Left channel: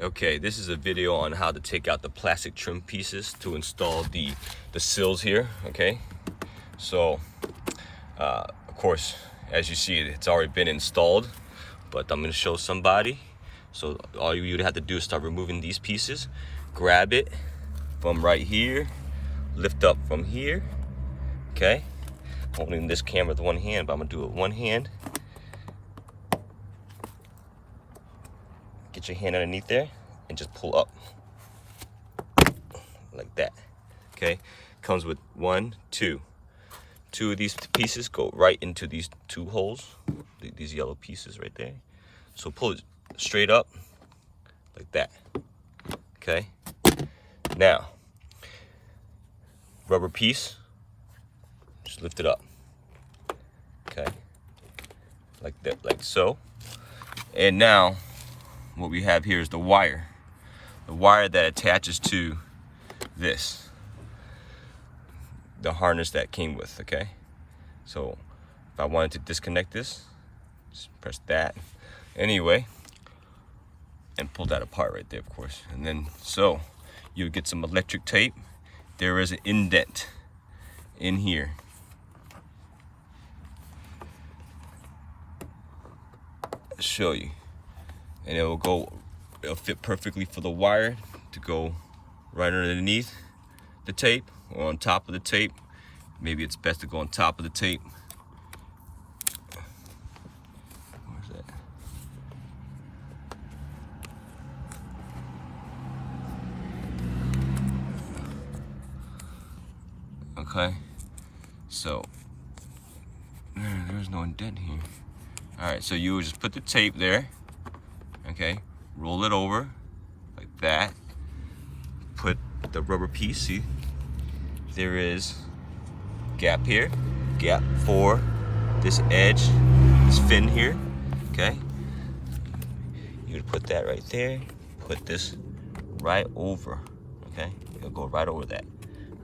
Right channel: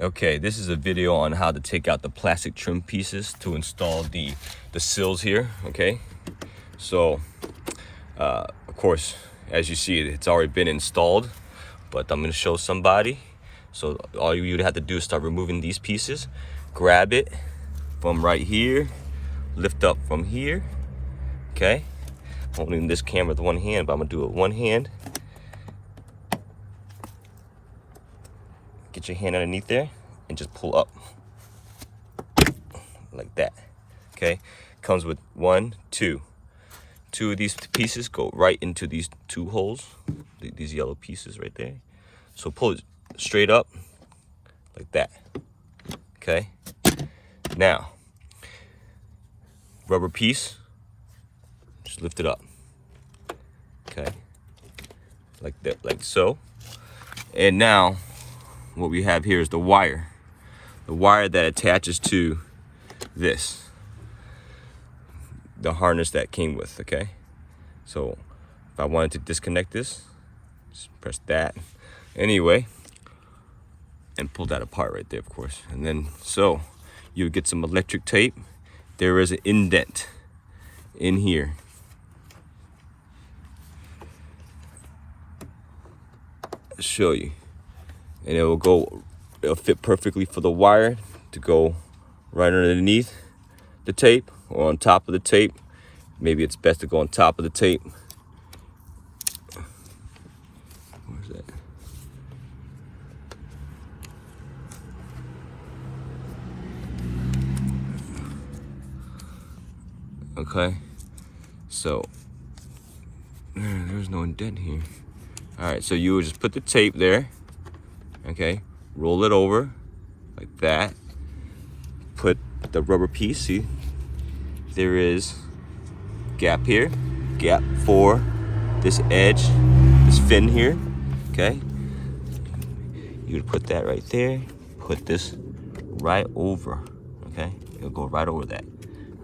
Okay, this is a video on how to take out the plastic trim pieces to install the sills here. Okay, so of course, as you see, it's already been installed, but I'm going to show somebody. So all you would have to do is start removing these pieces, grab it from right here, lift up from here. Okay, holding this camera with one hand, but I'm gonna do it with one hand. Get your hand underneath there and just pull up like that. Okay, comes with two of these pieces go right into these two holes, these yellow pieces right there. So pull it straight up like that. Okay, now rubber piece, just lift it up. Okay, like that, like so. And now what we have here is the wire that attaches to this, the harness that came with. Okay, so if I wanted to disconnect this, just press that anyway and pull that apart right there, of course. And then so you would get some electric tape. There is an indent in here. I'll show you, and it'll fit perfectly for the wire to go right underneath the tape or on top of the tape. Maybe it's best to go on top of the tape. Where's that? Okay, so there's no indent here. All right, so you would just put the tape there. Okay, roll it over like that. Put the rubber piece. See, there is gap here, gap for this edge, this fin here. Okay, you would put that right there. Put this right over. Okay, it'll go right over that.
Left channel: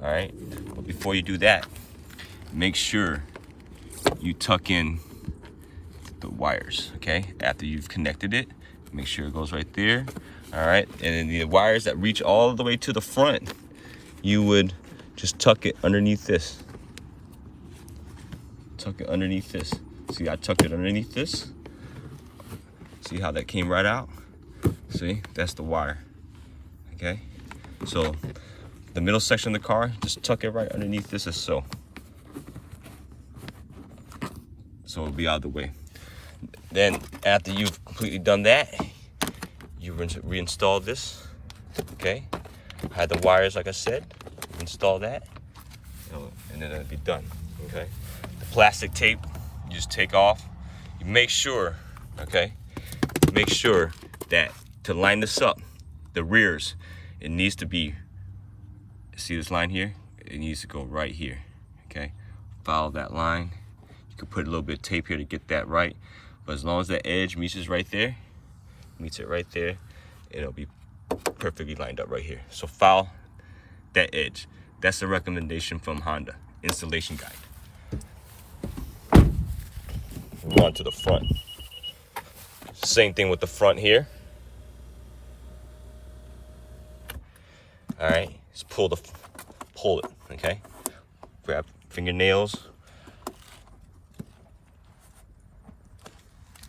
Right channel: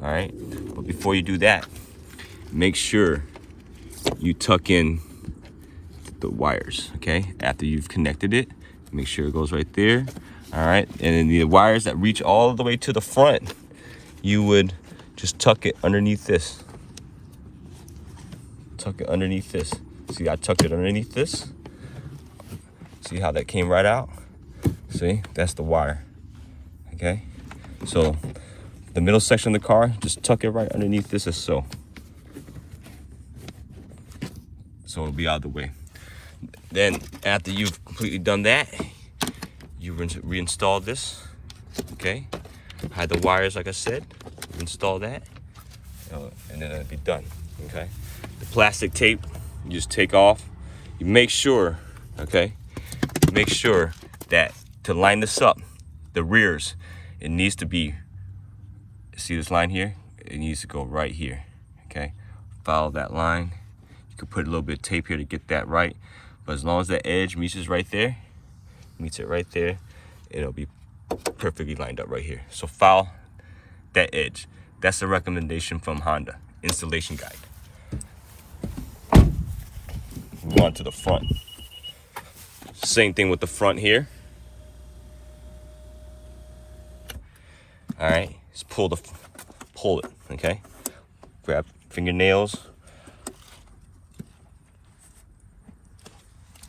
All right, but before you do that, make sure you tuck in the wires. Okay, after you've connected it, make sure it goes right there. All right, and then the wires that reach all the way to the front, you would just tuck it underneath this. Tuck it underneath this. See, I tucked it underneath this. See how that came right out? See, that's the wire. Okay, so the middle section of the car, just tuck it right underneath this as so. So it'll be out of the way. Then after you've completely done that, you reinstall this. Okay, hide the wires like I said, install that, and then it'll be done. Okay, the plastic tape you just take off. You make sure, okay, make sure that to line this up, the rears, it needs to be, see this line here? It needs to go right here. Okay, follow that line. You could put a little bit of tape here to get that right, but as long as the edge meets it right there, it'll be perfectly lined up right here. So follow that edge. That's the recommendation from Honda installation guide. Move on to the front. Same thing with the front here. All right, just pull it. Okay, grab fingernails.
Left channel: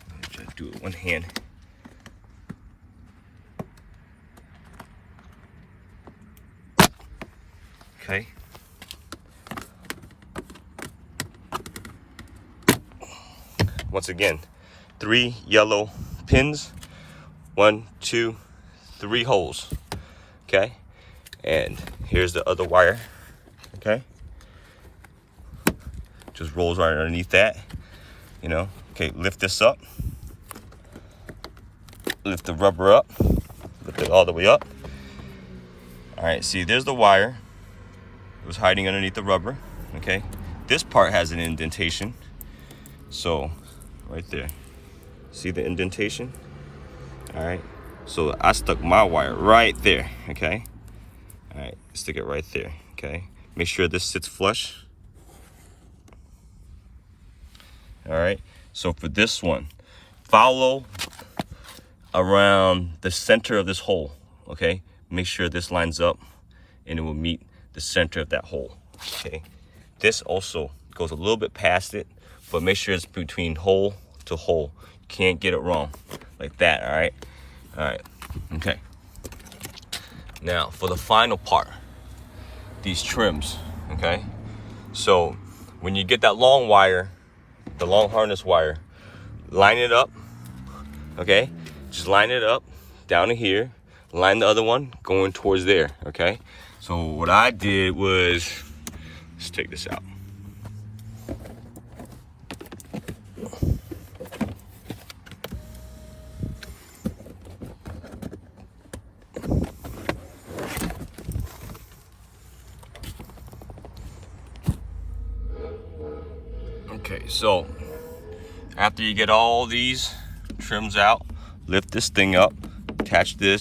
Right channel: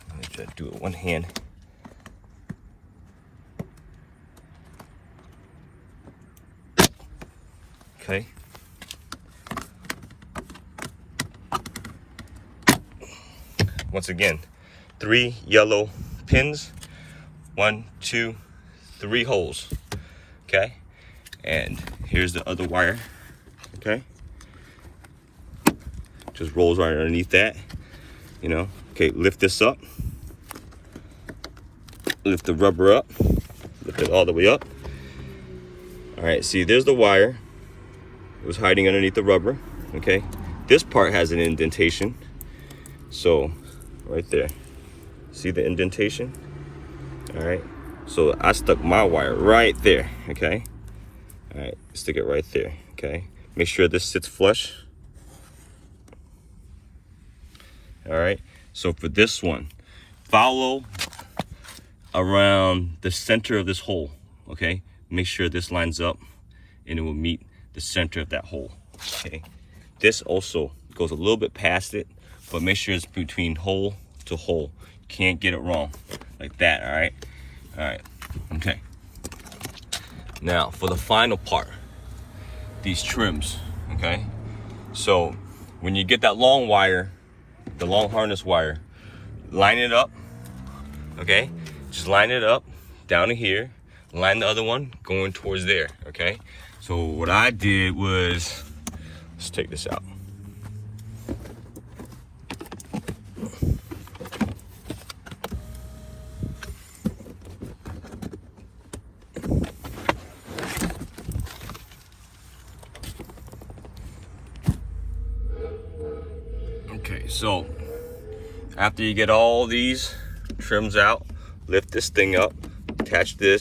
Let me try to do it with one hand. Okay. Once again, 3 yellow pins, 1, 2, 3 holes. Okay, and here's the other wire. Okay, just rolls right underneath that. You know. Okay, lift this up. Lift the rubber up. Lift it all the way up. All right. See, there's the wire. It was hiding underneath the rubber. Okay, this part has an indentation. So right there, see the indentation? All right, so I stuck my wire right there. Okay, all right, stick it right there. Okay, make sure this sits flush. All right, so for this one, follow around the center of this hole, okay? Make sure this lines up and it will meet the center of that hole, okay? This also goes a little bit past it, but make sure it's between hole to hole. You can't get it wrong like that, all right? All right, okay. Now for the final part, these trims, okay? So when you get that long wire, the long harness wire, line it up, okay? Just line it up down to here, line the other one going towards there, okay? So what I did was, let's take this out. Okay, so after you get all these trims out, lift this thing up, attach this.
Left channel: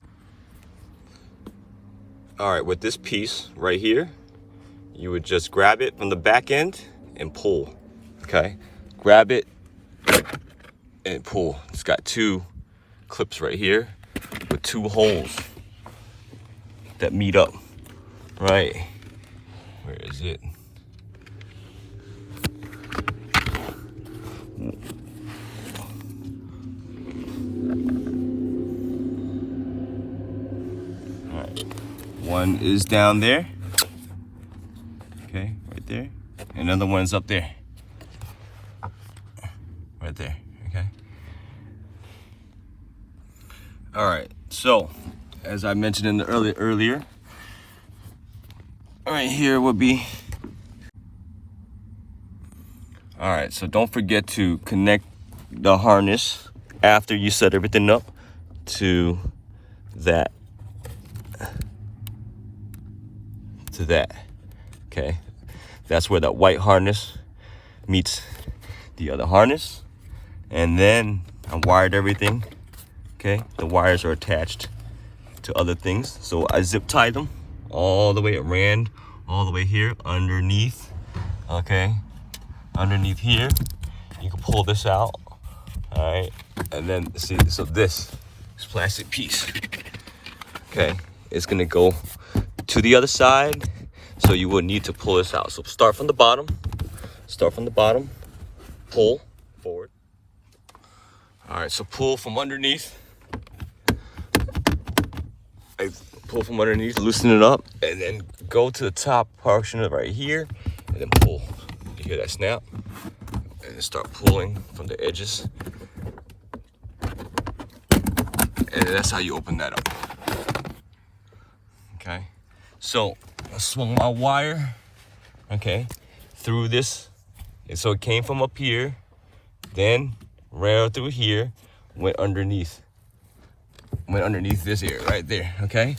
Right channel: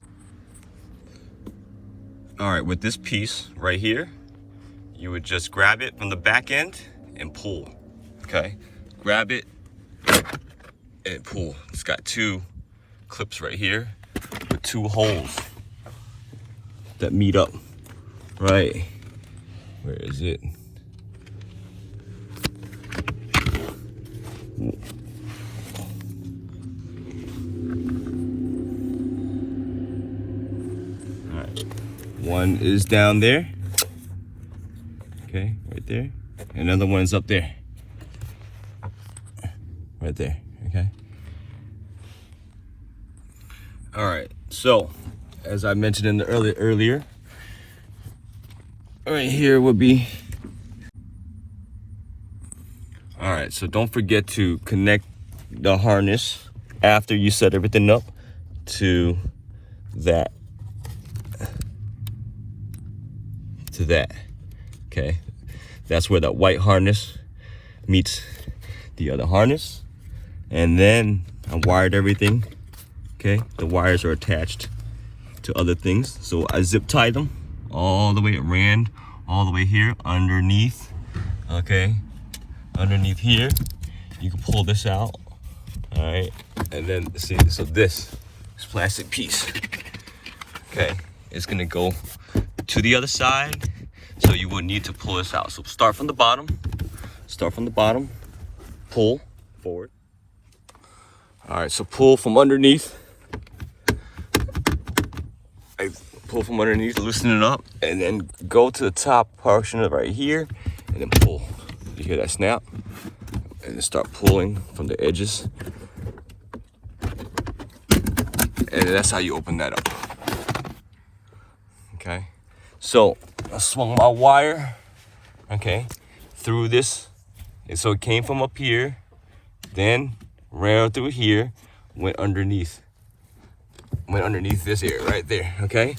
All right, with this piece right here, you would just grab it from the back end and pull, okay? Grab it and pull. It's got two clips right here with two holes that meet up, right? Where is it? One is down there, okay, right there. Another one is up there, right there, okay. All right, so as I mentioned in the earlier, right here would be. All right, so don't forget to connect the harness after you set everything up to that. Okay, that's where that white harness meets the other harness, and then I wired everything. Okay, the wires are attached to other things, so I zip tied them all the way. It ran all the way here underneath. Okay, underneath here you can pull this out. All right, and then see, so this plastic piece, okay, it's gonna go to the other side, so you will need to pull this out. So start from the bottom, pull forward. All right, so pull from underneath. I pull from underneath, loosen it up, and then go to the top portion of right here, and then pull. You hear that snap? And then start pulling from the edges. And that's how you open that up. Okay, so I swung my wire, okay, through this, and so it came from up here, then ran through here, went underneath this area right there, okay?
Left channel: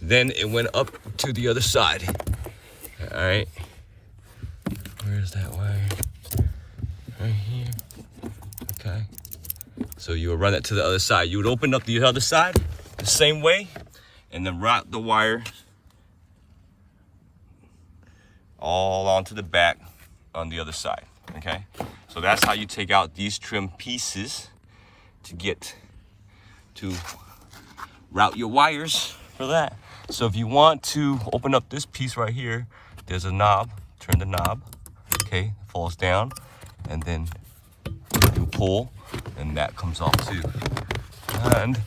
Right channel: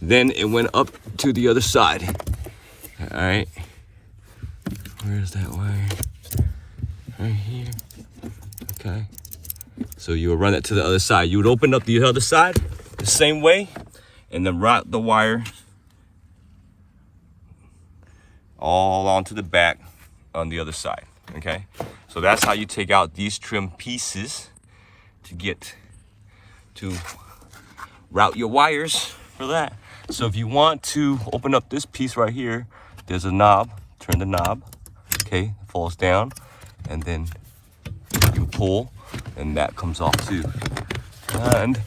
Then it went up to the other side. All right, where's that wire? Right here, okay. So you would run that to the other side. You would open up the other side the same way, and then route the wire all onto the back on the other side, okay? So that's how you take out these trim pieces to get to route your wires for that. So if you want to open up this piece right here, there's a knob, turn the knob, okay, it falls down, and then you pull, and that comes off too. And,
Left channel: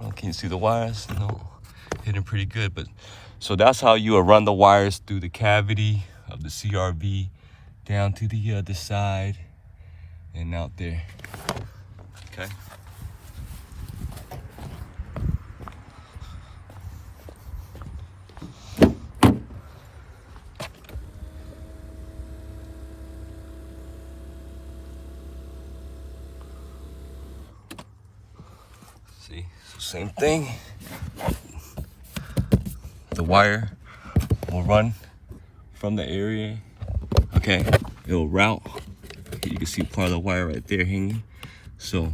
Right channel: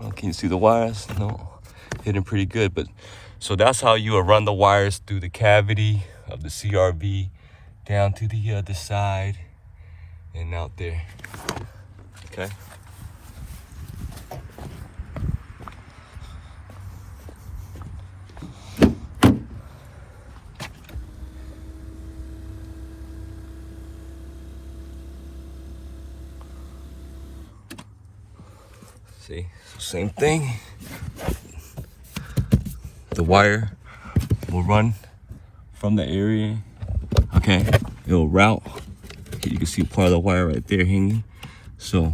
well, can you see the wires? No, hidden pretty good, but so that's how you run the wires through the cavity of the CRV down to the other side and out there. Okay. See, so same thing. The wire will run from the area, okay? It'll route. You can see part of the wire right there hanging. So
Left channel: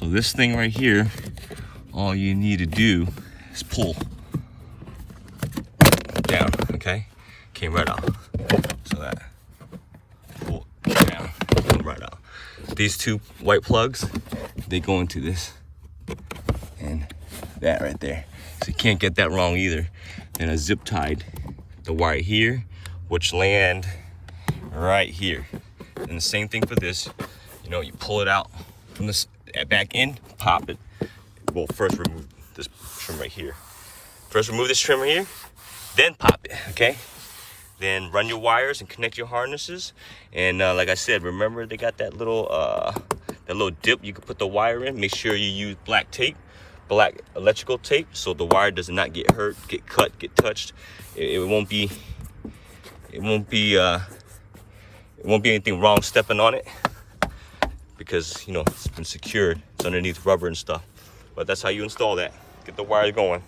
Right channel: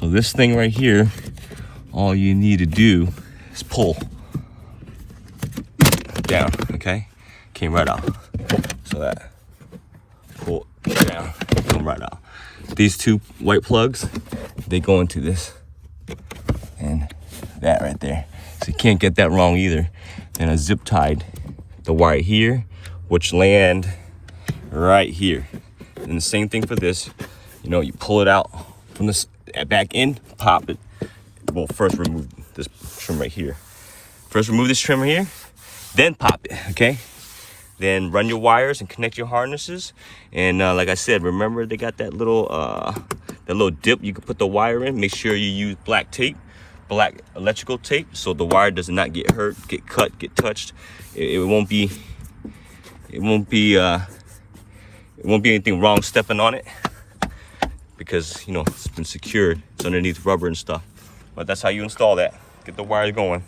this thing right here, all you need to do is pull down, okay? Came right out. So that pull down, come right out. These two white plugs, they go into this and that right there. So you can't get that wrong either. And I zip tied the wire here, which land right here. And the same thing for this. You know, you pull it out from this back in, pop it. Well, first remove this trim right here. First remove this trim right here, then pop it, okay? Then run your wires and connect your harnesses. And like I said, remember they got that little dip you can put the wire in. Make sure you use black tape, black electrical tape, so the wire does not get hurt, get cut, get touched. It won't be anything wrong stepping on it, because you know it's been secured. It's underneath rubber and stuff. But that's how you install that. Get the wire going.